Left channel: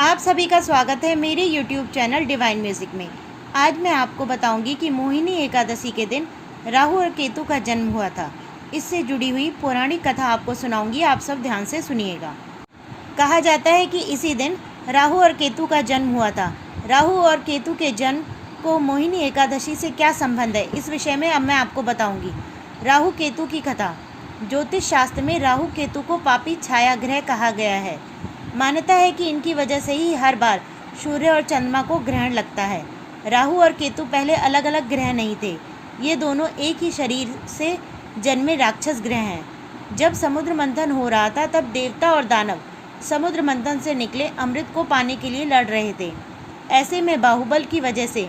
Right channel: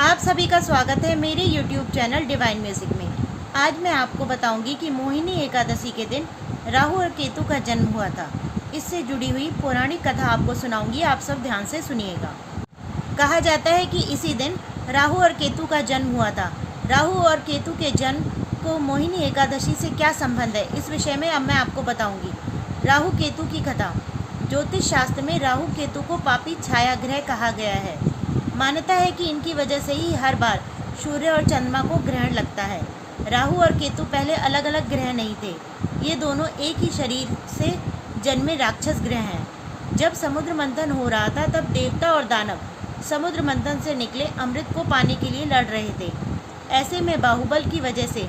आप सभी का स्वागत है मेरे YouTube चैनल डिवाइन म्यूज़िक में। आज मैं आपको बताऊंगी कि मोहिनी एकादशी के दिन राहु और केतु का जन्म हुआ था। इससे जुड़ी हुई पौराणिक कथा आपको सुनाऊंगी, आप सब ध्यान से सुनिएगा। कहा जाता है कि इसी दिन राहु और केतु का जन्म हुआ था। राहु और केतु के जन्म को मोहिनी एकादशी से क्या संबंध है, इस विषय में अब मैं आपको बताऊँगी। राहु केतु की कथा। ज्योतिष शास्त्र में राहु केतु को पापी छाया ग्रह कहा गया है। मान्यता है कि इनकी वजह से ही हर बार सूर्य और चंद्रमा को ग्रहण लगता है। राहु और केतु पहले अलग अलग ग्रह नहीं थे, ये दोनों एक ही शरीर से जन्मे राक्षस ग्रह हैं। जब समुद्र मंथन हो रहा था तब देवता और दानव समुद्र मंथन से निकले अमृत को पाने के लिए लड़ रहे थे। ऐसे में बाहुबल की वजह से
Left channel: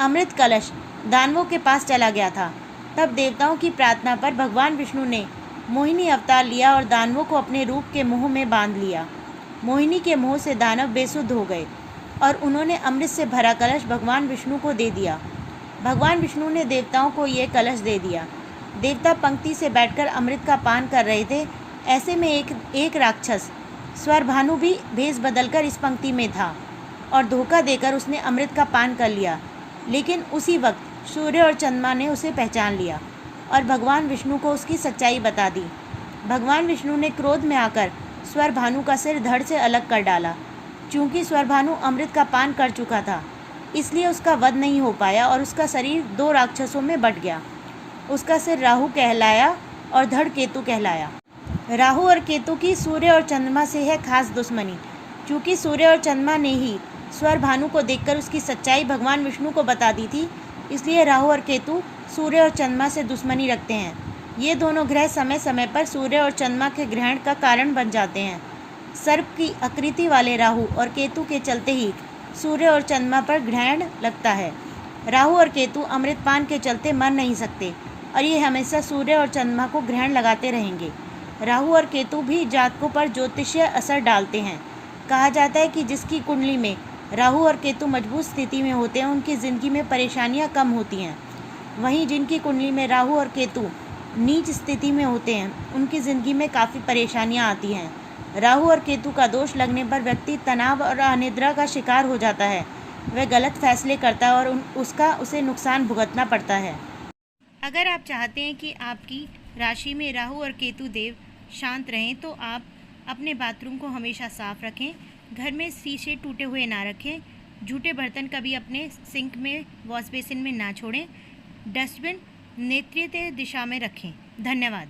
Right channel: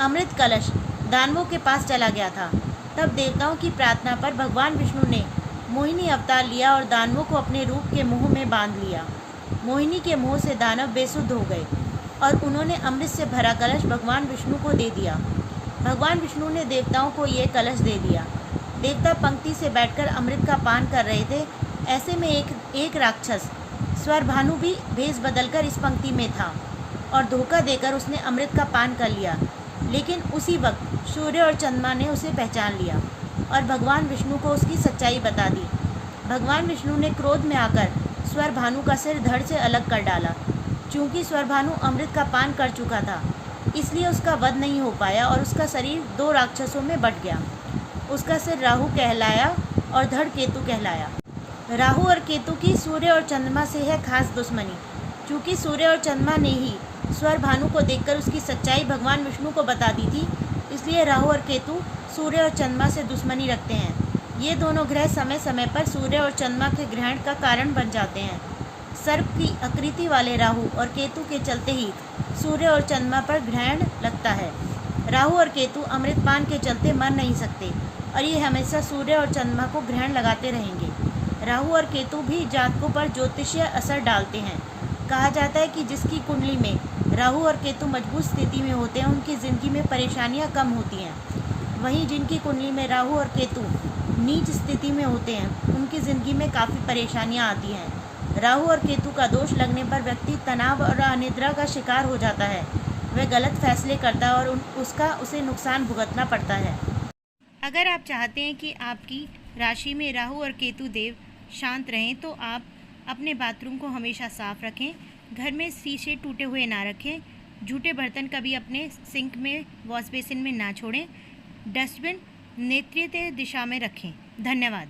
अमृत कलश दानवों के पास चला गया था। तब देवताओं की प्रार्थना पर भगवान विष्णु ने मोहिनी अवतार लिया और दानवों को अपने रूप के मोह में बांध लिया। मोहिनी के मोह से दानव बेसुध हो गए और उन्होंने अमृत से भरा कलश भगवान विष्णु को दे दिया। भगवान विष्णु ने देवताओं को ये कलश दे दिया। देवता पंक्ति से बैठकर अमृत का पान कर रहे थे। ऐसे में एक राक्षस स्वरभानु भी भेष बदलकर इस पंक्ति में था और धोखा देकर उसने अमृत का पान कर लिया। लेकिन उसी वक्त सूर्य और चंद्रमा ने उसे पहचान लिया और भगवान विष्णु को उसकी सच्चाई बता दी। भगवान विष्णु ने क्रोध में आकर स्वरभानु का सिर धड़ से अलग कर डाला। चूंकि स्वरभानु अमृत का पान कर चुका था, इसलिए उसका वध नहीं हो पाया और उसका शरीर दो राक्षसों में बंट गया। उसका सिर राहु कहलाया और धड़ केतु कहलाया। राहु और केतु की सूर्य और चंद्रमा से है खास दुश्मनी। चूंकि सूर्य और चंद्रमा ने ही स्वरभानु को देखकर उसकी सच्चाई भगवान विष्णु को बता दी थी, इसलिए राहु और केतु सूर्य और चंद्रमा से दुश्मनी रखते हैं। ये दोनों ग्रह समय समय पर सूर्य और चंद्रमा के ग्रहण का कारण बन जाते हैं। सर्प की आकृति वाले राहु और केतु के चलते ही सूर्य और चंद्रमा पर ग्रहण लगता है। राहु और केतु अमृतपान के चलते मर नहीं सकते और ये हमेशा सूर्य और चंद्रमा को ग्रहण लगाते रहेंगे। राहु और केतु भी जातकों पर ज्योतिषीय असर डालते हैं। कहा जाता है कि जिसकी कुंडली में राहु और केतु मजबूत स्थिति में होते हैं, उनकी ज़िंदगी में परेशानियां कम होती हैं। वहीं जिनकी कुंडली में राहु और केतु नीच स्थिति में होते हैं, उनकी ज़िंदगी में काफ़ी परेशानियां आती हैं। राहु और केतु का दोष लगने पर व्यक्ति तनाव और अनिद्रा का शिकार हो जाता है। वह गलत फैसले करता है और उसे नुकसान भुगतना पड़ता है। अगर आप चाहते हैं कि आपकी राशि में राहु और केतु देव शांत रहें, तो आप अपने बाथरूम को हमेशा साफ रखें। घर में शीशे टूटे हुए ना रखें। जूठे बर्तन कभी अपने सिंक में, वॉश बेसिन में ना छोड़ें। डस्टबिन नेत्रिय दिशा में रखें। धन्यवाद।